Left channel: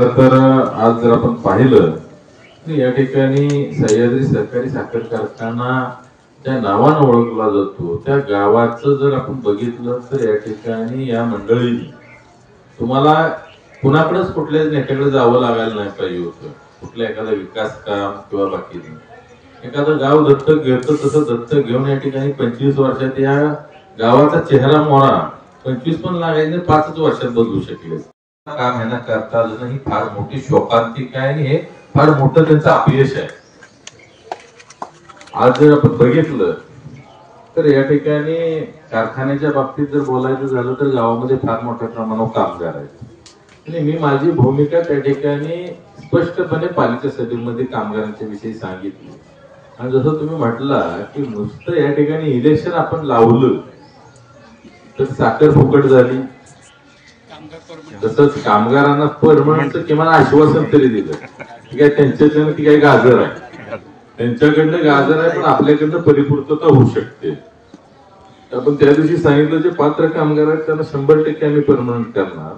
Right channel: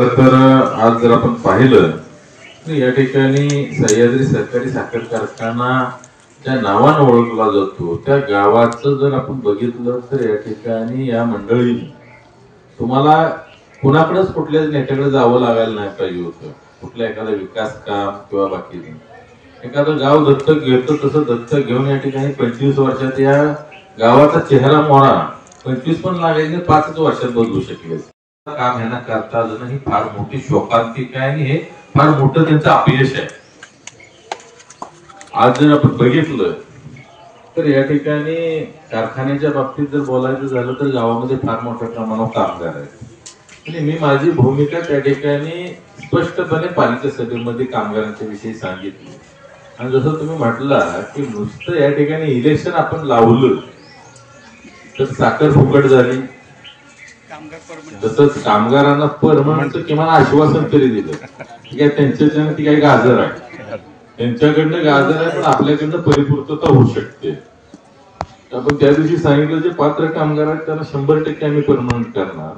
खरं तर आज जर आपण पाहिलं तर या ठिकाणी सह्याद्री सहकारी साखर कारखाना ज्या नावानं ओळखला जातो त्या गावाचं जर आपण बघितलं तर या ठिकाणी या मंडळींनी तुम्हाला कुणाकडेच कुठल्याच नेत्याकडे जावं लागायला नाही पाहिजे होतं. कुठल्या एखादा विकास काम किंवा बाकी एखादं गाव दत्तक घेतं तसं दत्तक घेऊन या ठिकाणी 25 वर्षात या गावाचा चेहरा मोहरा 25 पण लागायचे 5 वर्षात बदलू शकले. काम ह्यांना करता आलं ही फार मोठी शोकांतिक आहे आणि हे फार मोठं त्यांचं अपयश आहे. आज जर आपण बघितलं तर या ठिकाणी कारखान्याच्या बाबतीत जर बोलायचं झालं तर गावामध्ये फार मोठ्या प्रमाणावर कामगार आहेत आणि मी माझी भूमिका त्या ठिकाणी स्पष्टपणे पालिका सभेमध्ये कामगारांच्या विषयी सांगितली. आणि जसं तुम्ही म्हटलं की नुसतं या ठिकाणी इलेक्शन आपण लावलं तर साखर फुकट झाली, तसंच कामगारांना परमनंटचं किमान आश्वासन तरी दिलं. काय त्यांच्याकडनं ती काही गाजर आहे, त्यांच्याकडनं गाजर आहे पण आपल्याकडनं परिपूर्तता होऊ शकते. आपण त्या दिवशी सांगितलं जे पात्र कामगार आहेत त्यांना 100% आम्ही परमनंट करणार.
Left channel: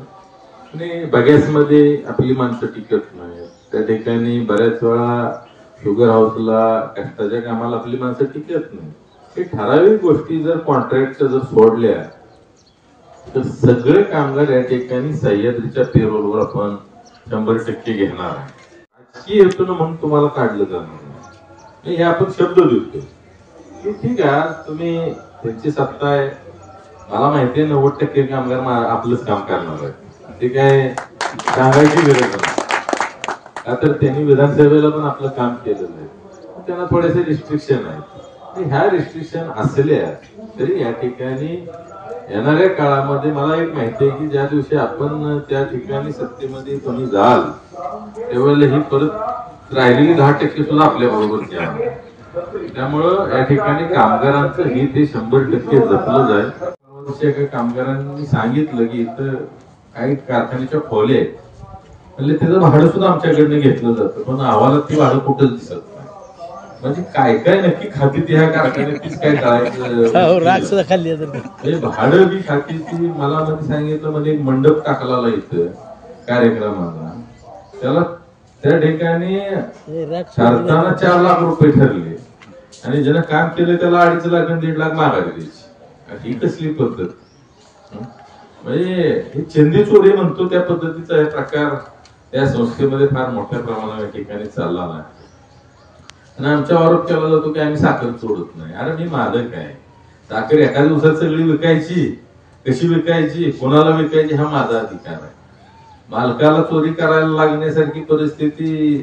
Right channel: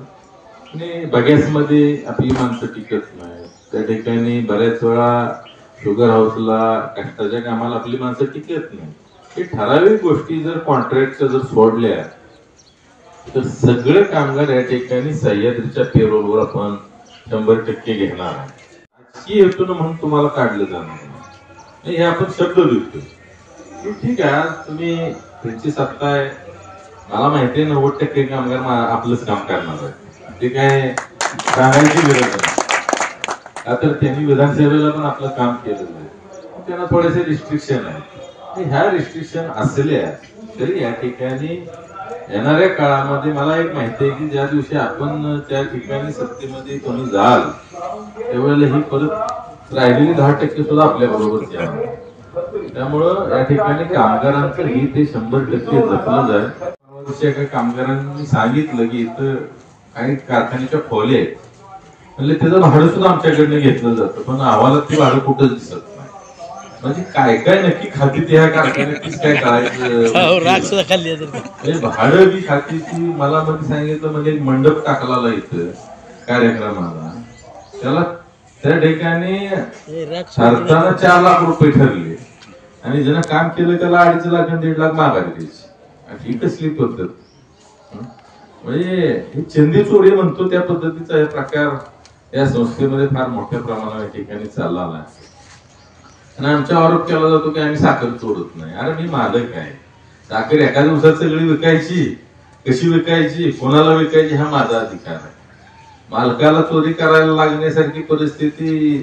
आणि बगॅसमध्ये आपली माणसं टिकत नाही, त्या ठिकाणी बऱ्याच वेळा शुगर हाऊसला कष्टाच्या कामाला आपली माणसं टिकत नाही. हे ठराविक गोष्टी जर कॉन्ट्रॅक्टच्या जर सोडल्या तर सगळे कामगार या ठिकाणी सह्याद्रीच्या पेरोलवर आपण 100% घेणार आहे. राजकीय हेतून म्हणून तुम्हाला काढलं जाणार नाही हे आपण शब्द देतो की ठीक आहे तुम्ही त्यांची सत्ता आहे, मला माहिती आहे 90% कामगार आपलंच काम करणार आहे, ते काय सांगायची गरज नाही. का तर त्यांनी विधानसभेला पण आपलं काम केलेलं आहे, त्यांना थोडेसे रिस्ट्रिक्शन आहेत. ह्या रिस्ट्रिक्शन असल्या तरी या ठिकाणी येणाऱ्या काळामध्ये मला एक माहिती आहे की ज्या दिवशी आपण त्या ठिकाणी सत्तेमध्ये तुम्ही जाल त्यावेळेला ही परत राहिलेली 10% सुद्धा आपल्या बरोबर घ्या. त्यामुळं या ठिकाणी कामगारांचं हित हे 100% जपलं जाईल. एका कामगारांनी सांगितलं की इथं काही कारखान्याच्या खोल्या आहेत म्हणजे त्याचं भाडं सुद्धा आमच्याकडनं घेतलं जातं पण अहवालात ते भाडं कुठंच दिसत नाही. म्हणजे काय काय नक्की खाती त्या कारखान्यात काय करायचं भाडं बी खातीची. मला मध्ये सांगितलं म्हणजे मंडप टाकला इथं कार्यक्रमाला, त्याला त्या ठिकाणी ठरताना 4 लाख रुपये ठरले आणि ज्यानं काम केलं त्याला 2.5 लाख आणि 1.5 लाख माघारी द्यायची. ही कसली पद्धत? म्हणजे हे चंदी चोरी म्हणतो त्या पद्धतीचा हे प्रकार या संस्थेमध्ये फार मोठ्या प्रमाणावर या ठिकाणी चालला नाही. आणि आमचा आरोप केला जातो की आम्ही साखर चोरत नाही. अरे मी मालक आहे, साखर एका दिवसात सगळी विकायची, कशी विकायची, कोणाला विकायची हा माझा अधिकार आहे. मालकाला चोरी करायला लागण्यासारखी परिस्थिती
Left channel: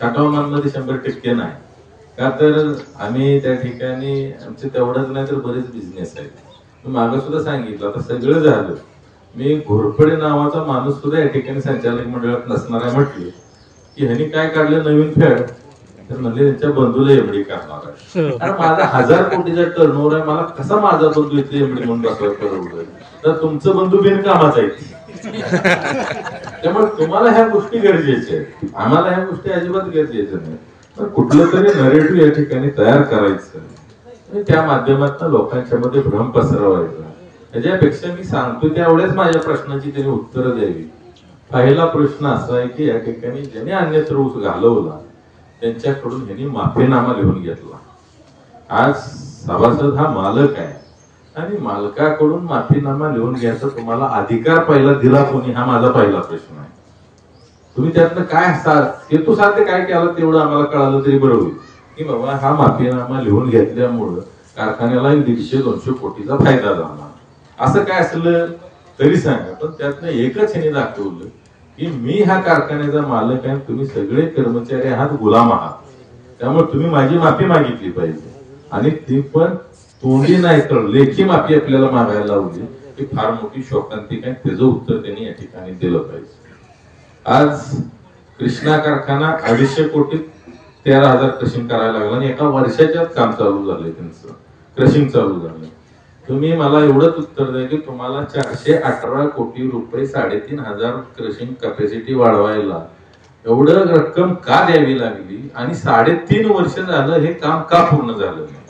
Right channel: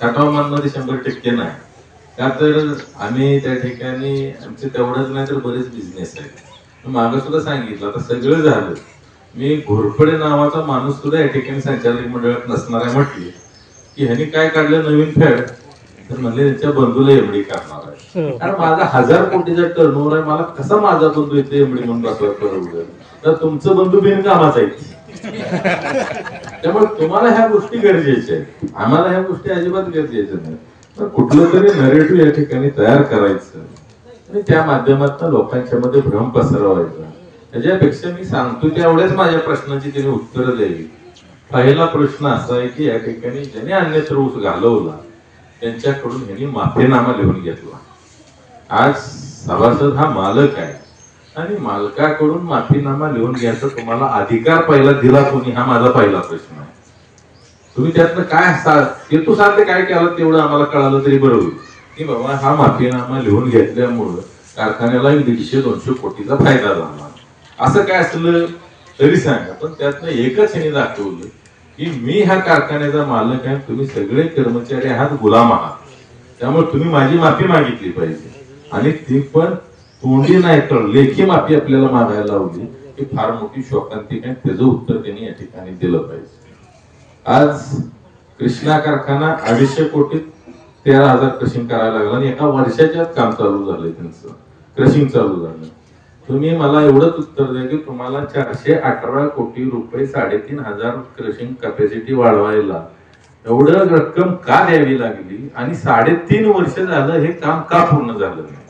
टाटावामध्ये 100% नाही. का तर आम्ही त्या ठिकाणी आमचे तेवढंच नाही तर बरेच बिझनेस आहेत. मागं सुद्धा सांगितलं आता सगळं झालं, मी घोरपडे नावाचा माणूस सुद्धा या ठिकाणी संचालक मंडळात नसणार आहे म्हटले की ह्यांनी काय काढलं नवीन फेड तर म्हणले त्यांच्या बंधूला एमडी करणार आहे. अरे माझा 1000 कोटीचा टर्नओव्हर आहे, मला कसा माझा बंधू इथे एमडी म्हणून बसवा परवडलं? तर तुमचं बंधू बिनकामाचा आहे. त्यामुळे तुम्हाला ह्या गोष्टी गरजेच्या आहेत, आम्हाला ह्या गोष्टी अजिबात गरजेच्या नाही. तर कुठलं तरी नरेटिव्ह या ठिकाणी तयार करायचं आणि त्या माध्यमातून लोकांच्या मध्ये भ्रम पसरवायचा. त्याच्यापेक्षा मी सांगतो त्यावेळेस माझ्या प्रश्नाची त्यांनी उत्तरं द्यावी. पहिला प्रश्न असा आहे की या ठिकाणी ज्याने अन्यत्र ऊस घालवला त्यांच्याकडून त्यांनी माफीनामा लिहून घेतला. आज सभासद हा मालक आहे आणि मालकाकडून माफीनामा लिहून घ्यायचा तुम्हाला अधिकार पहिला दिला कोणी हा माझा पहिला प्रश्न आहे. तुम्ही त्यातनं काय हेतू साध्य काय केलं तेवढं आम्हाला कळालं तरी बरं होईल की बाबा हा माफीनामा लिहून घेतल्यामुळं कारखान्याला 150-200 कोटीचा फायदा झाला. असं काय असलं तरी सांगा, पण त्यातनं एकच ह्याने दाखवलं की मी हा कारखान्याचा मालक आहे, तुम्ही सगळे कर्मचारी आहात, गुलाम आहात, त्यामुळे तुम्ही माझी माफी मागितली पाहिजे. आणि ती पण तोंडी नाही तर लेखी माफी आपल्याला मागायला लावली ही फार मोठी शोकांतिक आहे. त्याचं उत्तर त्यांनी या ठिकाणी दिलं पाहिजे. आज कृष्णा कारखाना 250 कोटीत 13,000 क्रशिंग करायला लागला आणि एका वर्षाच्यात काम चालू झालंय, त्यांचं क्रशिंग चालू झालं. तुम्ही मला एवढंच उत्तर द्या की तुम्हाला 418 कोटी रुपये 3,500 क्रशिंग कॅपॅसिटी वाढवायला एवढं रक्कम का द्यावी लागली आणि 3.5 वर्ष झालं हे काम का पूर्ण झालं नाही?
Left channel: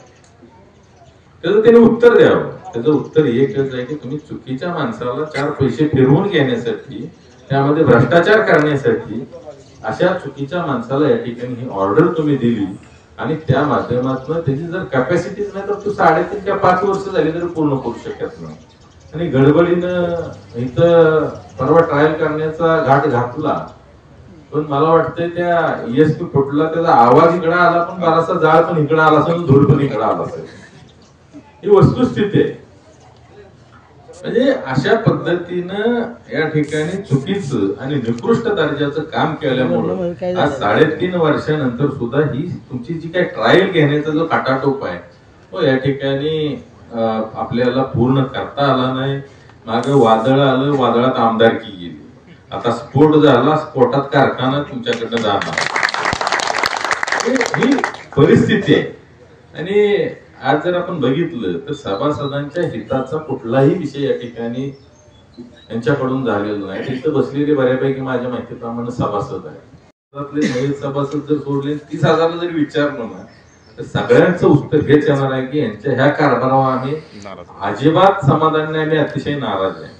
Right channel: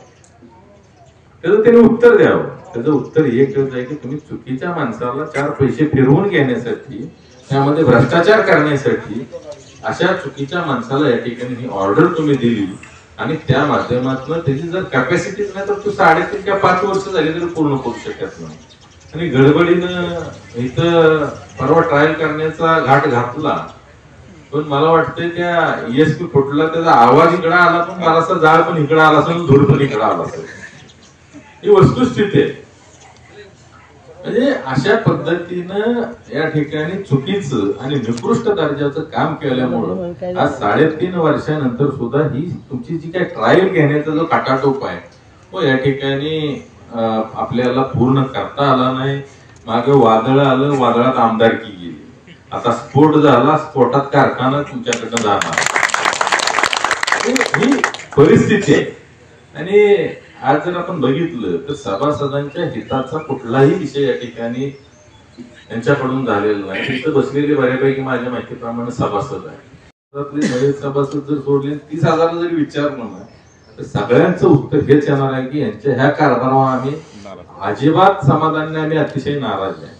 त्याचं त्यांनी उत्तर द्यावं. त्याचं उत्तर एकच आहे की तुम्ही चुकीच्या माणसाला 4 पैसे फिरवून घेण्यासाठी त्यामध्ये भ्रष्टाचार करण्यासाठी अशा चुकीच्या माणसाला या ठिकाणी ही ऑर्डर तुम्ही दिली आणि त्या माध्यमातून त्याची जर कॅपॅसिटीच नाही तर तू 3.5 किंवा 5 वर्ष झाली तरी पूर्ण करू शकत नाही. आणि गडबडीनं इथं परवा ट्रायल करण्याचा घाट घातला, पण मला वाटतंय त्या ESP फुटला, त्याचा आवाज इकडे आला पण बराचसा जाळ पण इकडे आला असेल, धूर पण इकडे आला असेल. ही वस्तुस्थिती आहे. म्हणजे अशा पद्धतीनं या ठिकाणी चुकीचं आणि निकृष्ट दर्जाचं काम केल्यामुळे आज 3.5 वर्षानंतर सुद्धा ही तुमची जी काही ट्रायल घेण्याचा जो काटाटोप आहे तो या ठिकाणी आपल्याला पूर्ण करता आला नाही. मागे वादळ आलं, वादळात आमदारकी गेली, आता स्फोट झाला, स्फोटात कारखाना तुमच्याकडनं जाणार, ही परिस्थिती आहे. आणि आज जर आपण बघितलं तर सभासदांच्या हिताचा कुठलाही विषय या ठिकाणी यांच्याकडून झालेला नाही. तिथं बसलेले बऱ्यापैकी माझ्या माहितीप्रमाणे सभासद आहे. नवीन सभासद जर सोडले 30,000 जरी विचारलो ना तर सगळ्यांचं उत्तर हेच येणार आहे की यांच्या ह्या कारभारावर आम्ही अजिबात समाधान नाही, आम्ही अतिशय नाराज आहे.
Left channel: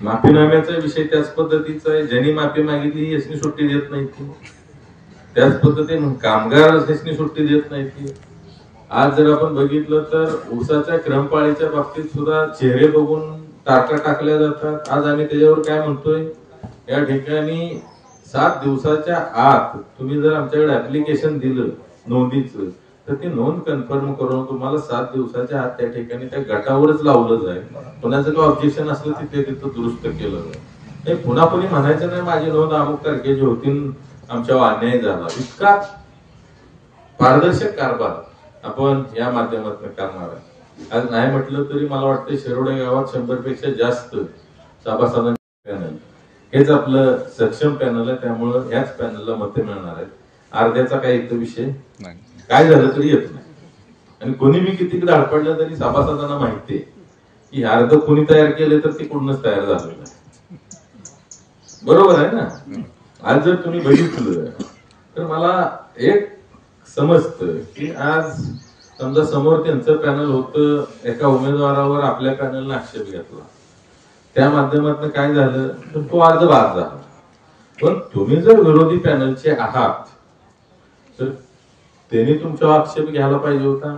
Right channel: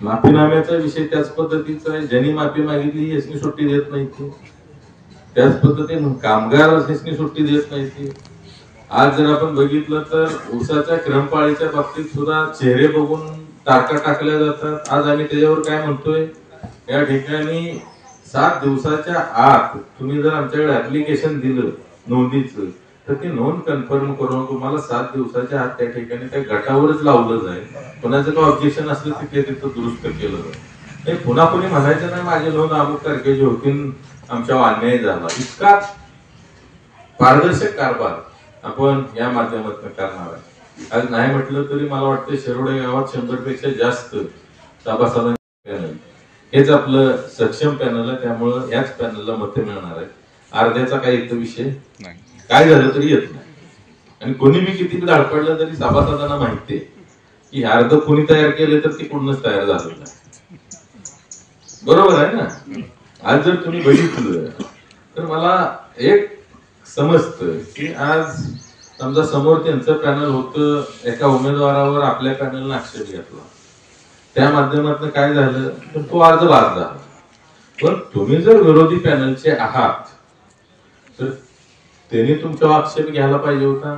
माफीनाम्याचा विषय त्याच पद्धतीचा आहे. ज्यांनी माफी मागितली यासनी सुट्टी देत नाही ती, त्याच पद्धतीने कामगार यासनी सुट्टी देत नाही ती. आज जर आपण बघितलं तर ऊसाच्या क्रमपाळीच्या बाबतीत सुद्धा चेहरे बघून तारखा टाकल्या जातात. आज आम्ही त्याच्यावर काय म्हणतोय, या ठिकाणी 7 दिवसाच्या आत तुम्ही जर आमच्याकडे ऍप्लिकेशन दिलं नोंदीचं तर ती नोंद कन्फर्म करून तुम्हाला 7 दिवसाच्या आत त्या ठिकाणी त्या गटावरच लावलं जाईल. कोणाचं काही ऑब्जेक्शन असलं तिथे तिथं दुरुस्त केलं जाईल. हे पुन्हा कोणी म्हणायचं नाही माझी नोंद अमुक तारखेची होती, आमच्यावर अन्याय झाला. इतका पारदर्शक कारभार आपण या माध्यमातून करणार आहे. आज नाही म्हटलं तरी मला वाटतं शिरोडे गावात 100 पेक्षा जास्त सभासदांचे पॅनल, हेच आपलं सक्षम पॅनल आहे. त्यामुळं याच पॅनलला मते मिळणार आहेत. अर्ध्याचा काही इथं विषय काय झालं तरी येत नाही. आणि कोणी मी किती धडपडलं तरी सभासदांना माहिती आहे की अर्ध कोणी तयार केले तर ते कुठूनच तयार झालेलं आहे. बरोबर आहे ना. आज जर तुम्ही बघितलं तर मला एक समजतं की आज समजा समोर त्यांचं पॅनल होतं, एका उमेदवारावर आपल्या पॅनलने आक्षेप घेतला, त्या माध्यमातून काय झालं तर तो अर्ज बाद झाला. पण तुम्ही जर विरोधी पॅनलचे आहात तर त्यांनी तुमच्यावर आक्षेप घ्यायला पाहिजे होता.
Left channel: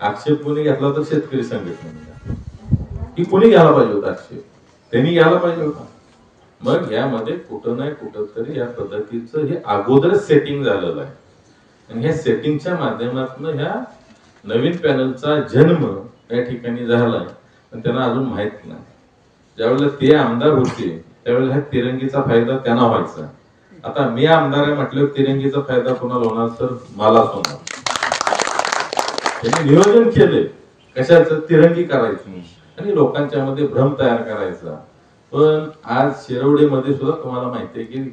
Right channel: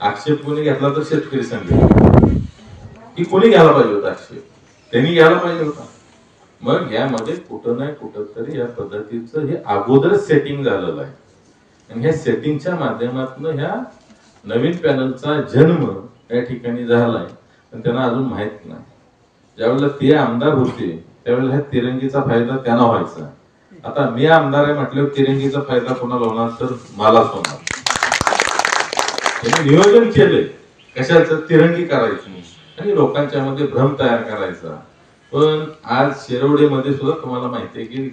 आक्षेप कोणी घेतला तर शेतकरी संघटना की कोणी घ्यायला पाहिजे होता आक्षेप, त्यांनी घ्यायला पाहिजे होता. मग यामध्ये कुठं नाही कुठं तरी या पद्धतीचं हे अगोदरच सेटिंग झालेलं आहे. आणि ह्या सेटिंगच्या माध्यमातून ह्या नवीन पॅनलचा जन्म या ठिकाणी झालाय, पण त्यांना अजून माहित नाही. ज्यावेळेला ते आमदार होते त्यावेळेला ह्या तिरंगीचा फायदा त्यांना व्हायचा. आता मी आमदार आहे म्हटल्यावर तिरंगीचा फायदा कोणाला होणार तर मलाच होणार. त्यांनी नियोजन केलंय कशाचं, तिरंगी करायची आणि लोकांच्या मध्ये भ्रम तयार करायचा. पण आज शिरवडेमध्ये सुद्धा तुम्हाला माहिती आहे की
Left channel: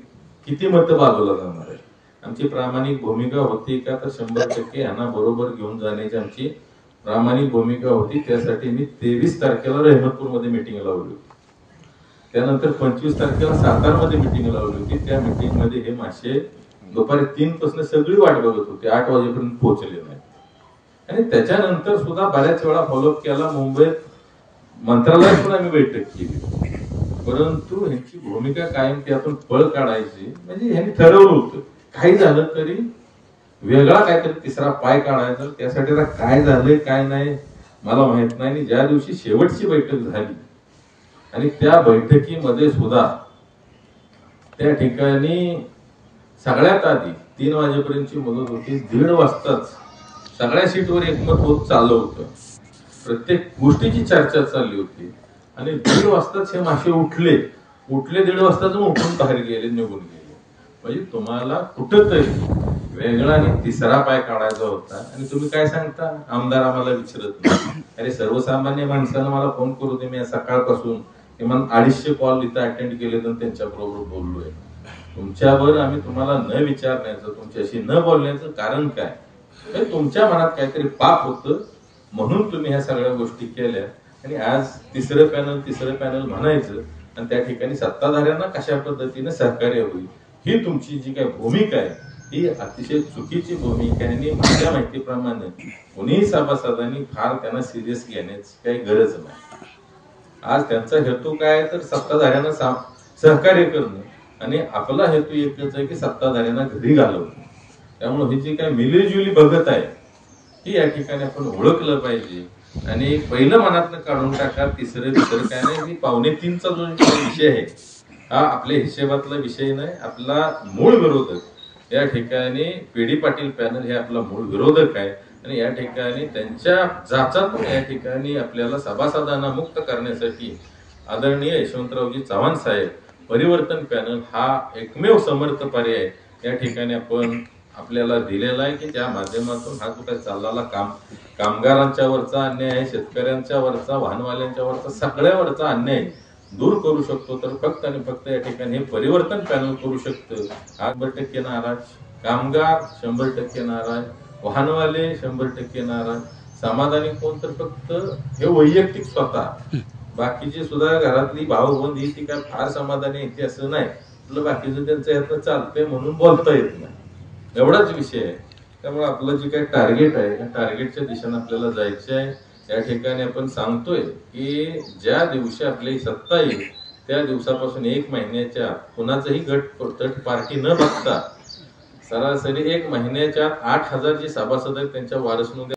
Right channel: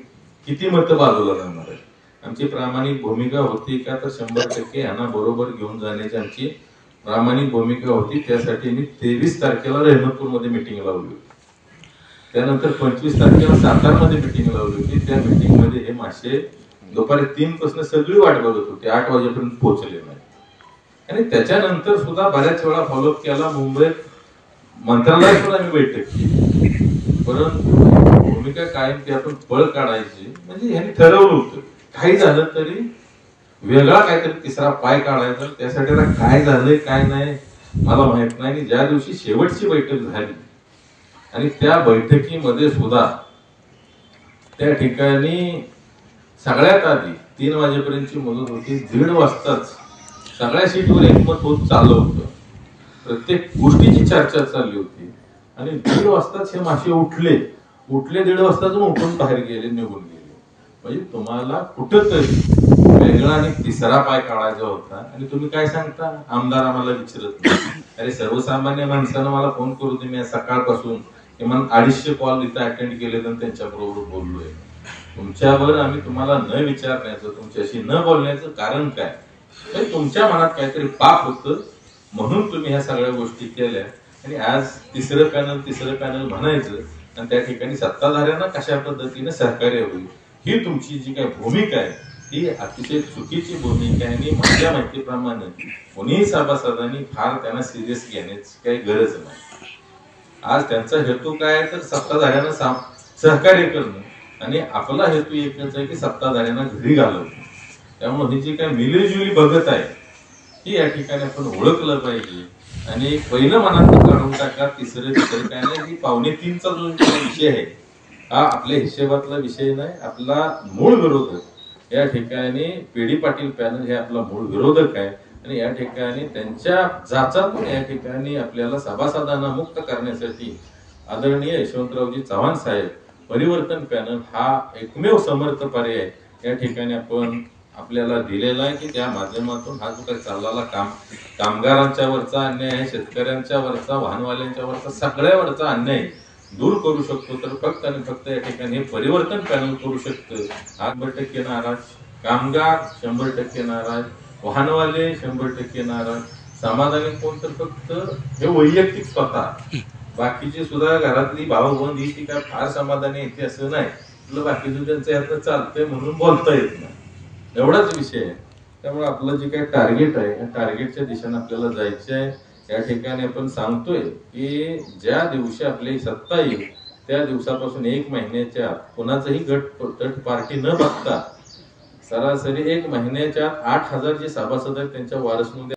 किती मतं बाजूला जाणार आहे. आमची प्रामाणिक भूमिका होती का तर 100% यांना बरोबर घेऊन जाण्याची आमची प्रामाणिक भूमिका होती. त्यासाठी मी 23 तारखेला रहमतपूरमध्ये मिटिंग लावली होती. त्यानंतर 25 तारखेला सातारमध्ये मिटिंग लावली होती. त्या मिटिंग मध्ये हे मासे दुपारी 3 पासून सगळी वाट बघत होती, 8 वाजेपर्यंत पोहोचले नाही. आणि त्याच्यानंतर सुद्धा बऱ्याच वेळा फॉलोअप केला. मुंबईत मंत्रालयात पण आम्ही बैठक केली, परंतु भूमिका कायम त्यातून पळ काढायची. म्हणजे ह्यांनी ठरवलं होतं काही झालं तरी वेगळा काहीतरी तिसरा पाय काढायचा. त्यासाठी काय झालंय काय नाही मला माहित नाही. आणि ज्या दिवशी शेवटची बैठक झाली आणि त्या बैठकीमध्ये सुद्धा त्या ठिकाणी सगळ्यात आधी 3 वाजेपर्यंतची मुदत होती. 1:30 वाजताच सगळ्या सीटवर एकमत होत चाललं होतं. प्रत्येक गोष्टीची चर्चा चालली होती. आणि 1:30 वाजताच हे मासे उठले 1:30 वाजताच उठून बाहेर गेले, निघून गेले. म्हणजे तुम्हाला कुठंतरी वेगळा आणि तिसरा पाय काढायचा होता. आणि तुम्ही काय सांगता, आमदार आम्हाला विचारत नाही. अरे सर्वसामान्य माणसानं मला फोन करू दे, मी सकाळपासून किमान 250 कॉल इथं अटेंड केले तर त्यांच्या बरोबर बोललोय. तुमच्यावर आम्ही तुम्हाला न विचारण्याचं, तुमच्याशी न बोलण्याचं कारण काय? तुमच्या मनात काहीतरी पाप होतं म्हणून तुम्ही ह्या सगळ्या गोष्टी केल्या. आणि आज तिसरं पॅनल म्हणायचं आणि त्या ठिकाणी सत्ताधाऱ्यांना कशा पद्धतीने सहकार्य होईल ही तुमची जी काही भूमिका आहे ही अतिशय चुकीची भूमिका आहे. आणि माझ्या माहितीप्रमाणे कोणीही सभासदांनी फार त्यांना सिरियस घेण्याची काही गरज नाही. आज त्यांचा हेतू काय तर सत्ताधाऱ्यांना सहकार्य करणं आणि आपला हेतू एकच आहे की सत्ताधाऱ्यांना घरी घालवणं. त्यामुळे ही जी काय मिलीजुली बघत आहे ही या ठिकाणी आपण ओळखलं पाहिजे आणि पहिलं मनात काढून टाका. तिसरं काय नाही, ही 2:45चा जो विषय आहे हा आपल्या हिशेबातला विषय नाही. आपला मूळ विरोधक या ठिकाणी पेडी पाटील पॅनल हे आपला मूळ विरोधक आहे आणि या ठिकाणी त्यांच्या जाचातून या ठिकाणी आपल्याला सभासदांना मुक्त करण्यासाठी आदरणीय यशवंतरावजी चव्हाण साहेब परिवर्तन पॅनल हा एकमेव समर्थ पर्याय या ठिकाणी आपण आपल्याला दिलेला आहे की त्या माध्यमातून हा जो काही चाललेला कामगारांच्या वरचा अन्याय आहे, शेतकऱ्यांच्या वरचा, वाहनवाल्यांच्या वरचा, सगळ्यावरचा अन्याय दूर करू शकतो. तर फक्त आणि फक्त या ठिकाणी हे परिवर्तन पॅनल करू शकतं. 100% नाराज, कामगार 100% नाराज, वाहनवाले 100% नाराज, समाधानी कोण तर फक्त हे वैयक्तिक स्वतः. बाकीची सुद्धा घरातली भावबंद ही ती काय फार समाधानी येते असं नाही. बाकीचं त्यांचं यातनं चालतंय म्हणून बोलता येत नाही, एवढाच विषय आहे. त्यामुळे आपलं जे काही टार्गेट आहे त्या टार्गेटच्या दिशेने आपल्याला जायचं आहे. या ठिकाणी आपण सांगतोय की ज्या दिवशी आपली सत्ता येईल त्या दिवसापासून 1 महिन्याच्या आत कुणाचंही तट पार्टी न बघता सरासरी 1 महिन्याच्या आत 8,000 जे सभासद आहेत त्यांच्या वारस नोंदी